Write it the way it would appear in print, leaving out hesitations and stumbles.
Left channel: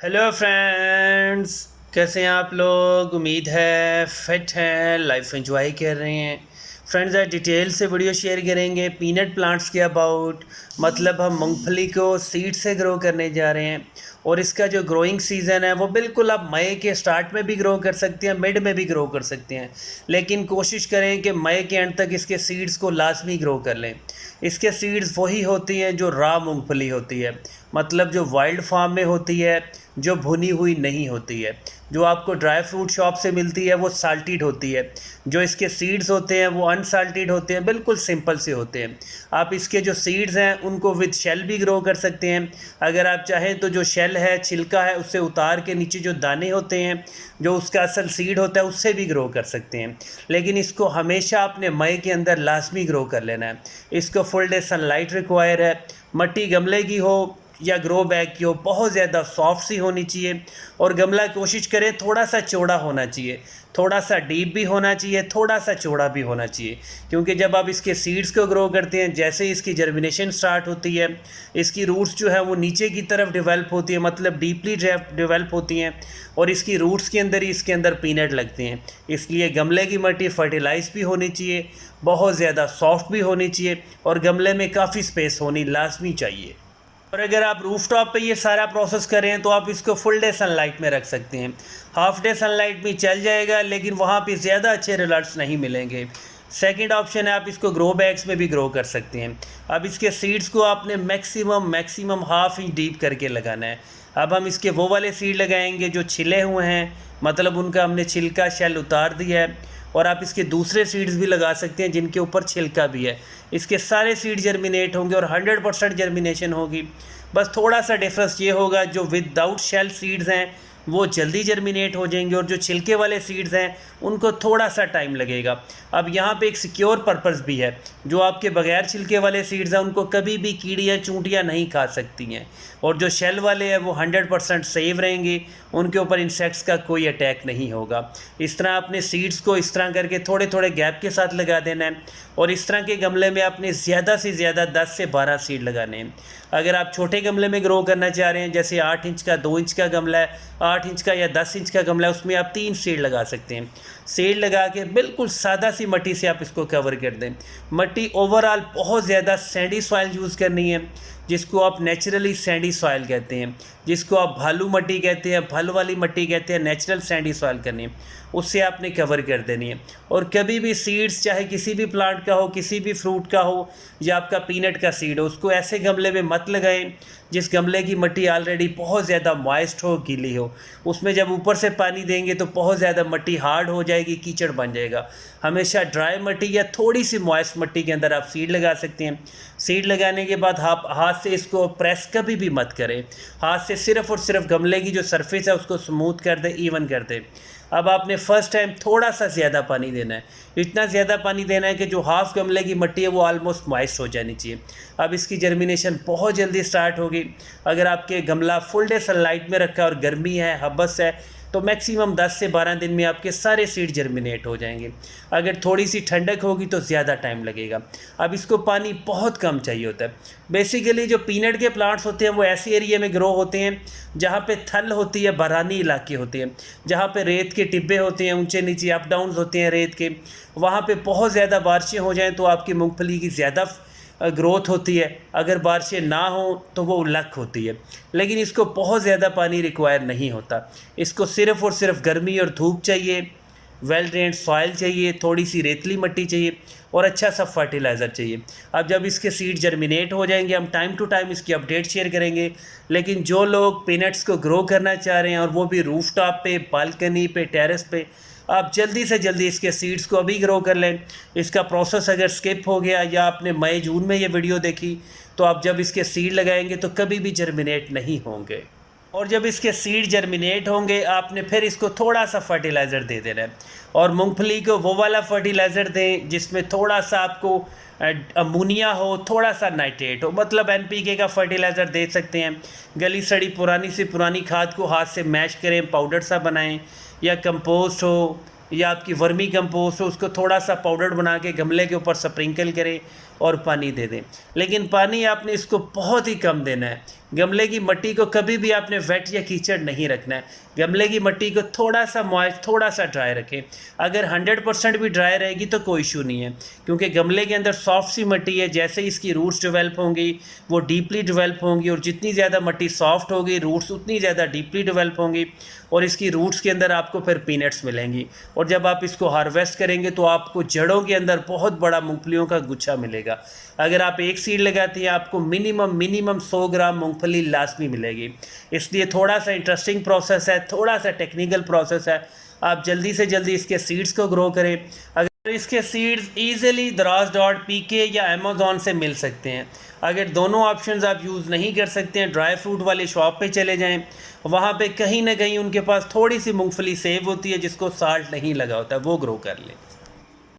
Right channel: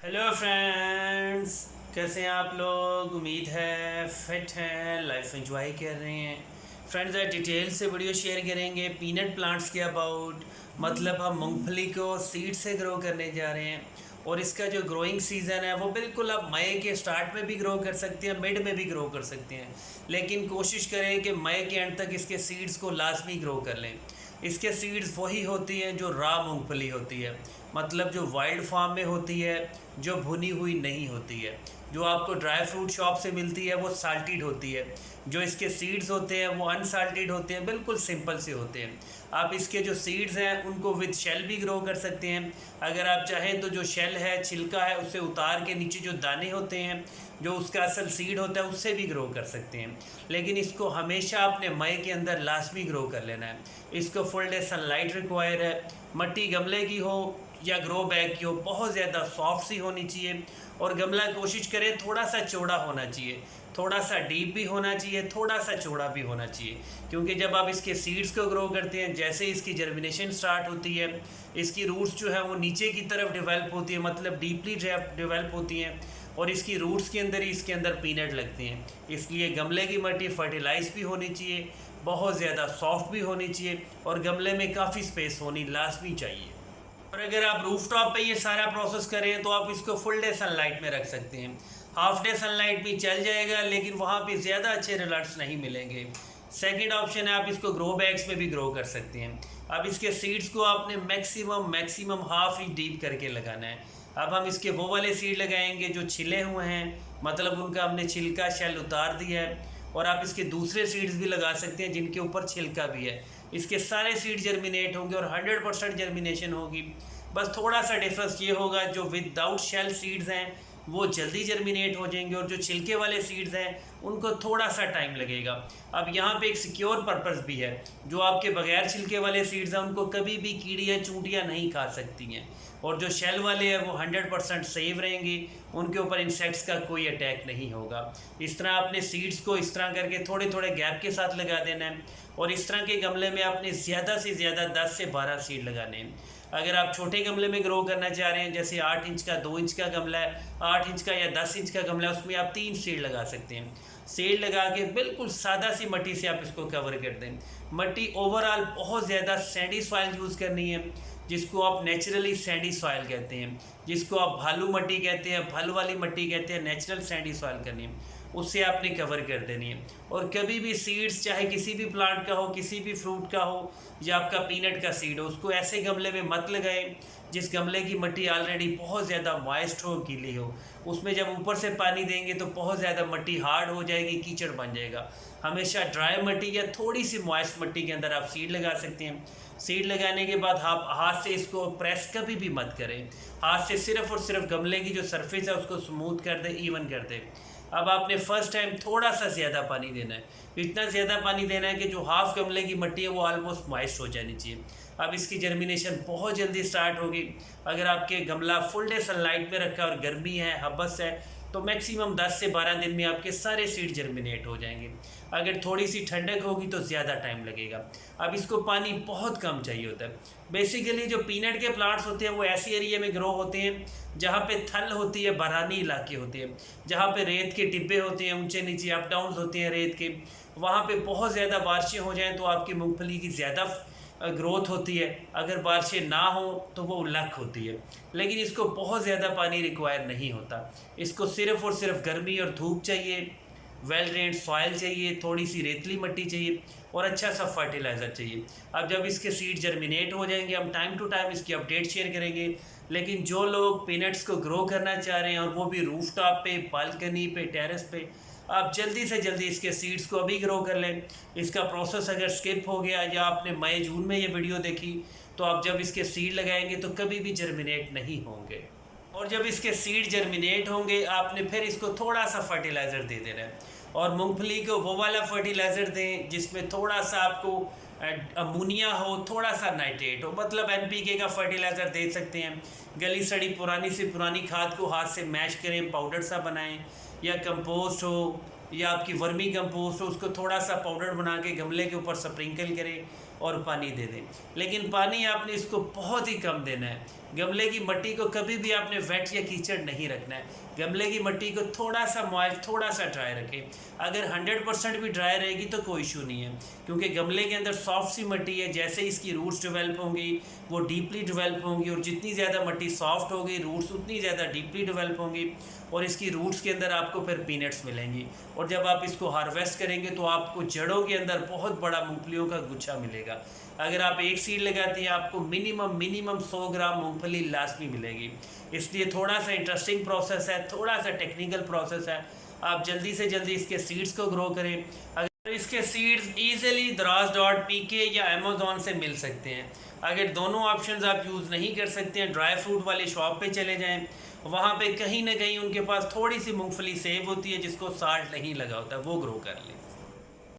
Hello friends, कैसे हैं आप लोग। उम्मीद है फिट हैं, लाइफ एंजॉय कर रहे हैं। फ्रेंड्स, आज डिटेल से वीडियो शेयर करेंगे पीनट प्लांट्स के अबाउट। मतलब हम मूंगफली को सीड से ग्रो करने जा रहे हैं और इसका जो ग्रोइंग सीज़न है वो बिल्कुल आप मई के स्टार्ट में भी ग्रो कर सकते हैं, मिड में भी ग्रो कर सकते हैं। लेकिन कोशिश करें कि मई के एंड तक इसके सीड्स को लाजमी ग्रो कर लें। इसके सीड्स वही होती हैं जो रॉ मूंगफली होती है, मतलब जो वाइल्ड फार्म में होती है, जो भुनी हुई नहीं होती है। जो आपको ड्राई फ्रूट शॉप से मिलती है वो साल्टेड होती है। जो इसके सीड्स होते हैं वो अनसाल्टेड होते हैं, बिल्कुल सिंपल से होते हैं। आप इसके जो सीड्स हैं उनको विद शेल भी ग्रो कर सकते हैं। अगर आप चाहें तो जो शेल है, छिलका है, उससे उतार के नीचे जो दाने होते हैं, जो उसका असल सीड होता है, उससे भी ग्रो कर सकते हैं। लेकिन इसको हमेशा अपने मई के अंदर लाजमी ग्रो कर लेना है। इसको फुल डे सनलाइट रिक्वायर है। मट्टी गमले की हो या ग्रो बैग की हो, बहुत ज़्यादा सॉफ्ट सी होनी चाहिए। और गमला कोशिश करें थोड़ा सा चौड़ा होना चाहिए, थोड़ा सा डीप भी होना चाहिए, थोड़ा सा चौड़ा भी होना चाहिए। क्योंकि जब आप इसके सीड्स को ग्रो करते हैं, जैसे इसकी जर्मिनेशन स्टार्ट होती है, इसकी रूट्स जो है वो नीचे की तरफ डेवलप होती है, मतलब डीपली डेवलप होती हैं। और इसकी रूट्स के अंदर ही इसके अंदर पीनट लगते हैं। इसलिए गमले की मिट्टी फर्टिलाइज भी होनी चाहिए, बहुत ज़्यादा सॉफ्ट भी होनी चाहिए, और गमले में काफ़ी स्पेस होनी लाजमी चाहिए। और अगर आप रूफ टॉप पर ये सारा प्रोसेस करें तो आप इसको फुल डे सनलाइट में रख सकते हैं। हाफ डे सनलाइट भी चल जाएगा, लेकिन वहाँ पे ज़्यादा अच्छे रिजल्ट्स नहीं मिलेंगे। सेकंड ऑप्शन है, आप इसको ग्रो बैग्स में भी ग्रो कर सकते हैं। अब इसके सीड्स को आपने मैक्सिमम हाफ इंच डीप करके लगाना है। अब हम इसके वो वाले सीड लगाएंगे जो छिले हुए हैं, मतलब उनका हमने छिलका शेल उतार दिया है। और आप इसके दूसरे सीड्स भी लगा सकते हैं जिनके ऊपर छिलका भी है। इसके सारे सीड जर्मिनेट होंगे और 100% जर्मिनेशन होगी। बस थोड़ा सा डिफरेंस ये होगा, जो विदाउट शेल सीड्स हैं वो जल्दी जर्मिनेट हो जाएंगे, और जो छिलके वाले सीड्स हैं उनको थोड़ा सा टाइम लगेगा। अब यहाँ पे एक सिक्योर पर्पस भी है। जो आपके बगैर छिलके वाले सीड्स हैं उनको कभी भी कीड़ियाँ चूंटियाँ नहीं खा सकती हैं, और जो शेल वाले हैं वो 100% सेव रहेंगे, उनके ऊपर इंसेक्ट्स का कोई अटैक नहीं होगा। इस तरह अपने सीड्स को इस तरह करके थोड़े थोड़े गैप के साथ लगा देना है। और इस तरह के गमले में आपने ज़्यादा से ज़्यादा 10 से 12 सीड लगाने हैं। अगर आप छोटे गमले में ग्रो करना चाह रहे हैं, जैसे 8 इंच का, 2 इंच का गमला है, 8 इंच का या 10 इंच का गमला है, उसमें आप 3 सीड लगा सकते हैं। सीड लगा के बिल्कुल सादा सी मिट्टी से आप इसको कवर कर दें। मिट्टी ओवरऑल बहुत ज़्यादा सैंडी सॉइल यूज़ करनी है, जिसको आप नेचुरली सैंडी सॉइल कहते हैं, जिसको आप भालू मिट्टी कहते हैं, भल वाली मिट्टी कहते हैं। नेचुरल सैंडी सॉइल करनी है, उससे आपने कवर कर देनी है। और कभी भी सीड्स, चाहे किसी भी प्लांट का हो, किसी भी फ्रूट का हो, या आपका पीनट का सीड हो, उसको ऐसे गमले में मत लगाएं जिस गमले की मिट्टी ऑलरेडी बहुत ज़्यादा मॉइस्ट हो, गीली हो। उसमें जब ऊपर से पानी देंगे तो बहुत ज़्यादा मिट्टी हार्ड हो जाएगी, कीचड़ बन जाएगा। हमेशा ड्राई मिट्टी या थोड़ी सी मॉइस्ट मिट्टी के अंदर आप सीड लगा सकते हैं। सीड लगाने के बाद आप हाथ से इसको प्रेस कभी भी मत करें। हाथ से सिर्फ़ और सिर्फ गमले की जो सरफेस है उसको स्मूथ कर दे, इवन कर दे। अब आपने फर्स्ट टाइम थोड़ा सा ज़्यादा पानी देना है। इतना ज़्यादा पानी देना है कि जो हाफ गमले की मिट्टी है वो ऑलमोस्ट मॉइस्ट हो जानी चाहिए। अब इसकी जर्मिनेशन बहुत जल्दी स्टार्ट होगी। अगर आपके गमला फुल डे सनलाइट में रखा और गर्मी है, हब्बस है, तो मैक्सिमम 10 से 12 दिन में आपके सारे सीड जर्मिनेट हो जाएंगे। अगर थोड़ी सी ठंडक होगी तो ज़्यादा टाइम लगेगा। अब इसको पानी बहुत कम चाहिए होता है। बेसिकली जो पीनट के प्लांट्स होते हैं वो ऐसे एरिया में ग्रो होते हैं जहाँ पे थल होती है, बरानी इलाके होते हैं, जहाँ पे रेत के टिब्बे होते हैं, ऊंचे नीचे अप डाउन होते हैं रेत के। वहाँ पे बहुत ज़्यादा बारिशें हो जाएँ तो आपकी मूँगफली की ज़्यादा ग्रोथ होती है। अगर बारिशें ना हो तो वो लक होती है। लेकिन इसको बहुत ज़्यादा पानी रिक्वायर नहीं होता। इसको सिर्फ़ और सिर्फ गर्मी और धूप चाहिए, वेल ड्रेन्ड सॉइल चाहिए, थोड़ी सी रेतली मिट्टी चाहिए, और अच्छा सा फर्टिलाइज़र चाहिए। अब जब इसके सीड जर्मिनेट हो जाएंगे, हम टाइम टू टाइम इसकी अपडेट शेयर करेंगे। लेकिन जो लोग पीनट्स को ग्रो करना चाह रहे हैं, और वो भी रूफ टॉप पे, बालकनी पे, टेरेस पे, आप जल्दी से जल्दी इसके सीड्स को अभी ग्रो कर लें। इसका प्रोसेस अगर स्किप हो गया या आपने मई जून में ये वीडियो देखी, तो आप जब इसके सीड लगाएंगे तो कभी भी जर्मिनेट नहीं होंगे। और जब इसके सीड जर्मिनेट होंगे, आपने फिर इसको थोड़ा सा फर्टिलाइज़र दे देना है। और मूंगफली को वो वाला फर्टिलाइज़र दें जिसमें थोड़ा सा आपको अमोनिया हो, थोड़ा सा नाइट्रेट हो, मतलब एनपीके का फर्टिलाइज़र दे सकते हैं। गली सड़ी पुरानी से पुरानी खाद को हाथ से मैश करें, पाउडर सा बनाएं, या कंपोस्ट हो या आपकी वर्मी कंपोस्ट हो, उसको थोड़ा सा पाउडर बना के गमले के ऊपर स्प्रिंकल करें। और पानी दे दें। लेकिन पानी आपने इसको बहुत ही कम देना है। गमले की मिट्टी को कभी भी आपने वेट या कीचड़ नहीं रखना है। गमले की मिट्टी को थोड़ा सा मॉइस्ट, थोड़ा सा ड्राई रखें। अगर 100% भी ड्राई रहेगी तो कोई इशू नहीं है, क्योंकि गमले के अंदर सॉफ्ट सी मिट्टी है। जैसे इसकी रूट्स डेवलप होंगी वो डीपली डेवलप होंगी, और जितनी ज़्यादा मिट्टी सॉफ्ट होगी रूट्स उतनी ज़्यादा डीपली डेवलप होंगी, और इसकी रूट्स के अंदर आपको फिर पीनट्स मिलेंगी। और जब आप इसको हार्वेस्ट करेंगे तो आपको जड़ों के अंदर बहुत बड़ा मूंगफलियों का गुच्छा मिलेगा। अगर आप एक सीड लगाती हैं आपको मिनिमम 100 ग्राम मूंगफली लाजमी मिलेगी। इसलिए थोड़ा सा इंटरेस्टिंग प्रोसेस है, थोड़ा सा टेक्निकल प्रोसेस है। आप जल्दी से जल्दी इसके सीड्स को ग्रो करें। अगर इसके सीड्स ईजिली Draws.pk या अमेज़ॉन से मिल सकते हैं। अगर दोनों ऑप्शंस आप यूज़ नहीं कर सकते हैं, ड्राई फ्रूट वाली शॉप पे चले जाएं, वहाँ पे कहीं ना कहीं उनके पास थोड़ी सी मूंगफली सेव होती है जिसको साल्ट नहीं लगा होता, वो ग्रो कर लें।